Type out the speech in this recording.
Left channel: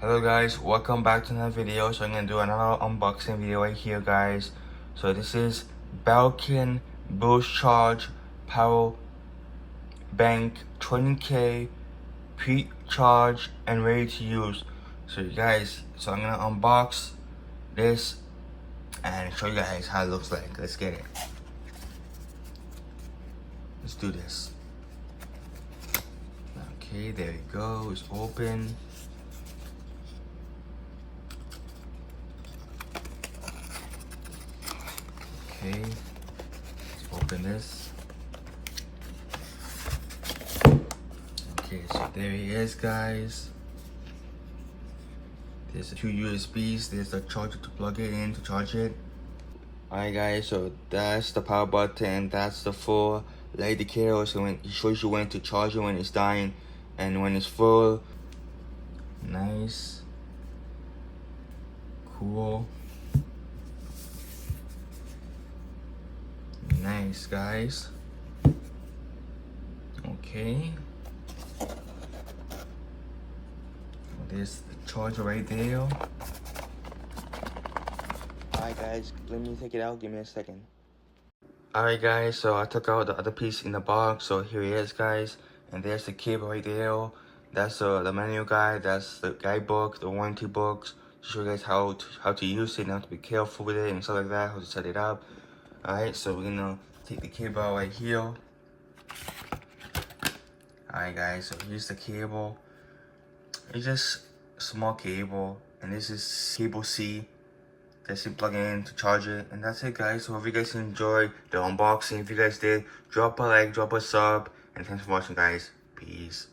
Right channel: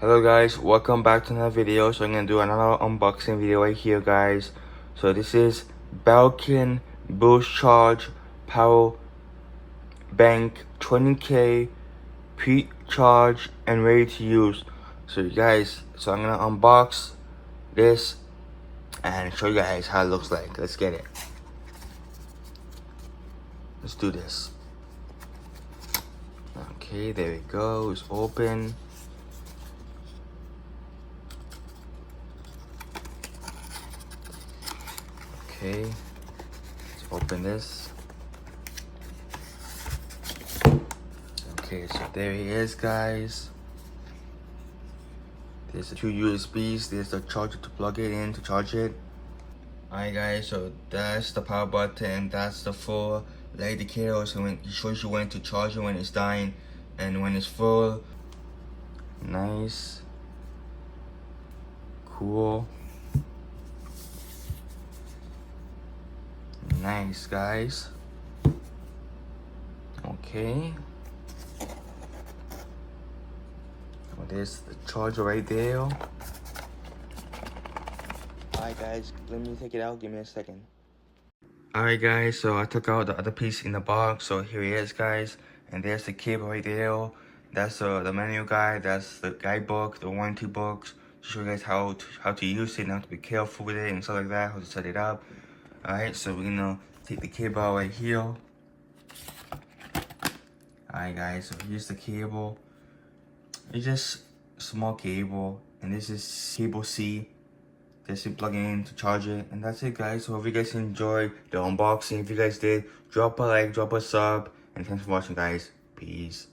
Hello guys, welcome back to another video. So I'm gonna do another unboxing video right here, guys. So this is Belkin Boost Charge Power Bank 20K pre-charge and ready to use. So you guys, I'm gonna unbox this and show you guys how it looks like. Let's get it. Let's do this. Okay, there we go. It's open. Okay, let's open this. Okay, so there he is, guys. There's the two USBs. There's the charger to plug it in to charge it. Alright guys, so that's the power button. That's the full light indicator. So when it shows you when to charge it when it's dying and when it's full. Nice. Cool. Nice, guys. Okay. There's the charger right there. Alright guys, let me take it out. Give me a second. Alright guys, so I took out the other piece in the box. So here it is, guys. And there's the cable right there. That's the manual guide. That's the guidebook, the warranty books. To show you guys how to use it and how to be careful with it and stuff like that. How to set it up. Alright, so we're gonna take the cable out right here. Alright guys, so here's the cable. It's just a small cable. And this is cable C. Just plug it in to charge it, and that's it, guys. So if you guys enjoyed the unboxing, if you guys did, drop a like, drop a sub, and thanks for watching, guys. Peace.